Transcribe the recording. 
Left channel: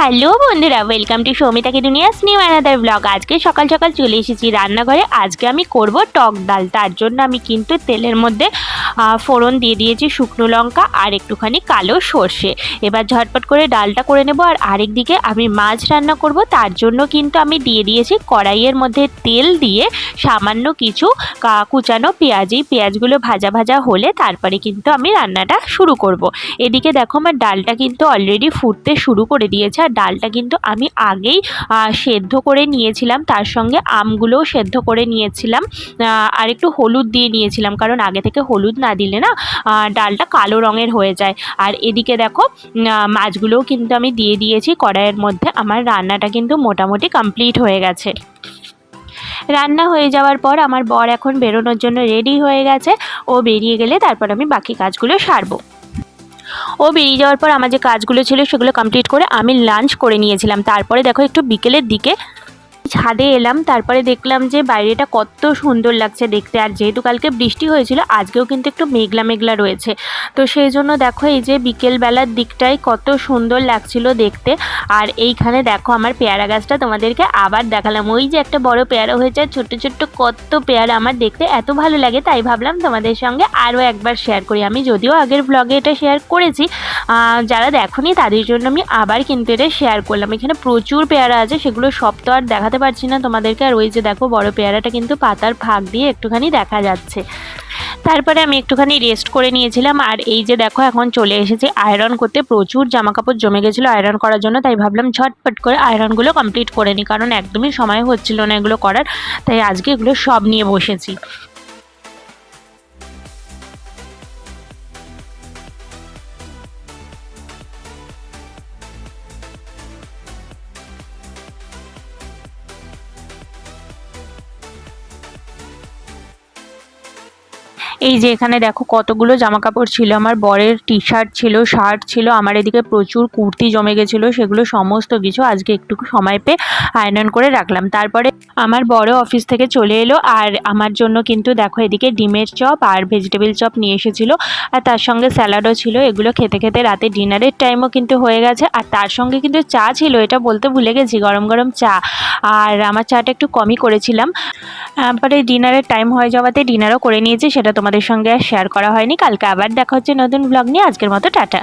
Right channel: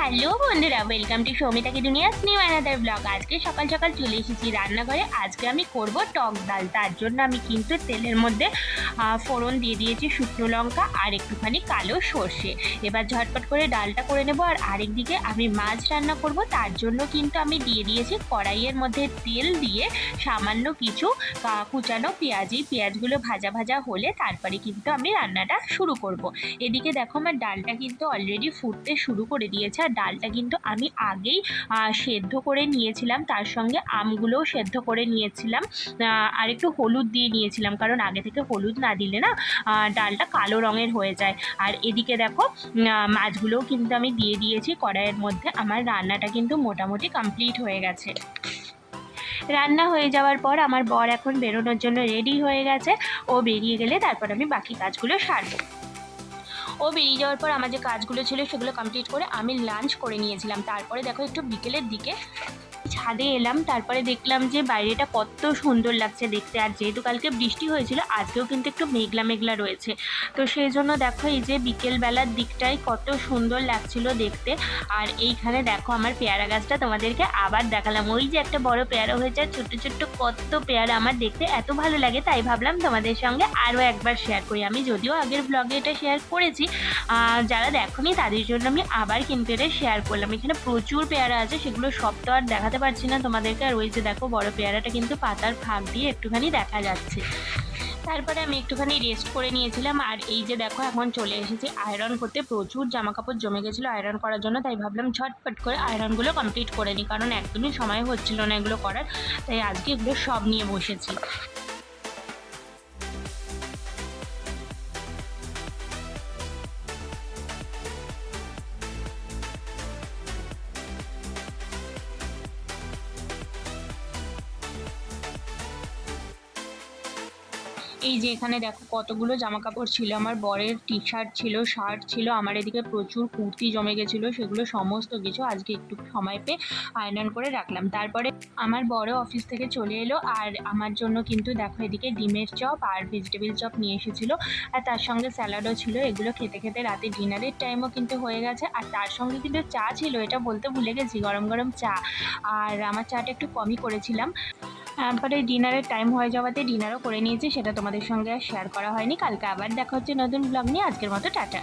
Hello বন্ধুরা welcome to সৌমিতাকে দুনিয়া new blog আজকে সকাল সকাল চলে এসেছি রান্নাঘরে। আজকে আমি করব টক ডাল। তার জন্য আমি কিন্তু তেলের মধ্যে ফোড়ন দিয়ে দিয়েছি শুকনো লঙ্কা আর একটুখানি কালো সর্ষে। এবার ঝটপট করে ডালটা করে নেব আর আরেক দিকে আমি মাছ রান্না করব। তার জন্য কিন্তু আমি দিয়ে দিয়েছি কড়াইয়ের মধ্যে তেল দিয়ে সামান্য কিছু কুচানো পেঁয়াজ। পেঁয়াজগুলো ভাজা ভাজা হলে তারপরে কিন্তু আমি রান্নাটা শুরু করব। এদিকে দেখো আমার ডালটা কিন্তু অলরেডি ফুটতে শুরু করে দিয়েছে আর ডালটা কিন্তু আমি আগেই সেদ্ধ করে নিয়েছিলাম। তার সঙ্গে আমগুলোও সেদ্ধ করে নিয়েছিলাম। আর একটু হলুদ দিয়ে নিয়েছিলাম, কারণ আগে থেকে হলুদ না দিলে না ডালটা কালো রঙের হয়ে যায়। আর এদিকে দেখো মাছগুলোও কিন্তু আমি দিয়ে দিয়েছি। কড়াইয়ের মধ্যে আমার রান্নাটা কিন্তু মোটামুটি কমপ্লিট হয়ে গেছে। রান্না হয়ে যাওয়ার পর আমার বর এখন বেরোনোর জন্য রেডি হয়ে গেছে। ও বেরিয়ে গেলে তারপর আমি বাকি কাজগুলো সারবো। ও বেরিয়ে যাওয়ার পর আমার যে কাজগুলো ছিল সেগুলো কমপ্লিট করে আমি লাঞ্চ করে নিয়েছিলাম। তারপরে দেখো একটু বিকেলের দিকে ছাদে এলাম, তারপরে দেখলাম যে বাইরেটা কত সুন্দর লাগছে দেখতে। আর যেহেতু কালকে বৃষ্টি হয়েছিল, আজকেও কিন্তু একটু মেঘলা মেঘলা রয়েছে। তো সেই জন্য দেখো এই যে বিকেলবেলার দিকটাই কত সুন্দর লাগছিল দেখতে। আর এইখানে দেখো আমার পেয়ারা গাছটা তোমাদেরকে আবার দেখালাম। ওই যে একটা বড় পেয়ারা হয়েছে, আর ছোট্ট ছোট্ট কত পেয়ারা আমার দেখতে এত ভালো লাগে, তাই ভাবলাম তোমাদের সঙ্গে আরও একবার শেয়ার করি। আমি যদিও আগের ব্লগে এটা শেয়ার করেছি যারা দেখোনি, তাদের জন্য আমি আবার কিন্তু এটা শেয়ার করলাম। এখানে প্রচুর পেয়ারা আছে, সেগুলো সব তো আর দেখাতে পারছি না তোমাদেরকে। আর ওই যে দেখো, বড় পেয়ারাটা কিন্তু পাতার ফাঁক দিয়ে একটুখানি দেখা যাচ্ছে। তারপরে আমি একটুখানি রেস্ট করে নিয়েছিলাম। আর এই যে দেখো, এখন চলে এসেছি আয়রন করতে। প্রচুর জামা কাপড় জমে গেছিল আয়রন করার জন্য, তাই ভাবলাম ঝটপট করে আয়রনগুলো কমপ্লিট করে নিই। কারণ একদমই সময় হচ্ছিল না এগুলো করার, তাই আজকে এগুলো সব নিয়ে বসেছি। এই যে এখানে দেখো কতগুলো জামা কাপড় ছিল, আমার বরের টি শার্ট ছিল শার্ট ছিল, আমার এদিকে প্রচুর কুর্তি জমে গেছিল, সেগুলো সমস্ত কিছু আজকে একটু সময় পেয়ে আয়রন করে রাখলাম। তারপরে আমার বড় অফিস থেকে চলে এলো, আর আমার জন্য কিন্তু দেখো এদিকে ডিমের চপ আর ভেজিটেবিল চপ নিয়ে এসেছিল, আর তার সঙ্গে স্যালাডও ছিল, এগুলো খেতে খেতে রাতে ডিনারের টাইমও কিন্তু হয়ে গেছে, আর তার সঙ্গে কিন্তু চা ছিল, এটা বলতে ভুলে গেছি, গরম গরম চা, আর আমার চাটা একটু কমই করেছিলাম। তারপরে ডিনারের টাইম হয়ে যাওয়াতে ডিনারও করে নিয়েছি, সেটা তোমাদের সঙ্গে আর শেয়ার করা হয়নি। কালকে আবার দেখা হচ্ছে নতুন ব্লগ নিয়ে। আজকের মতো টাটা।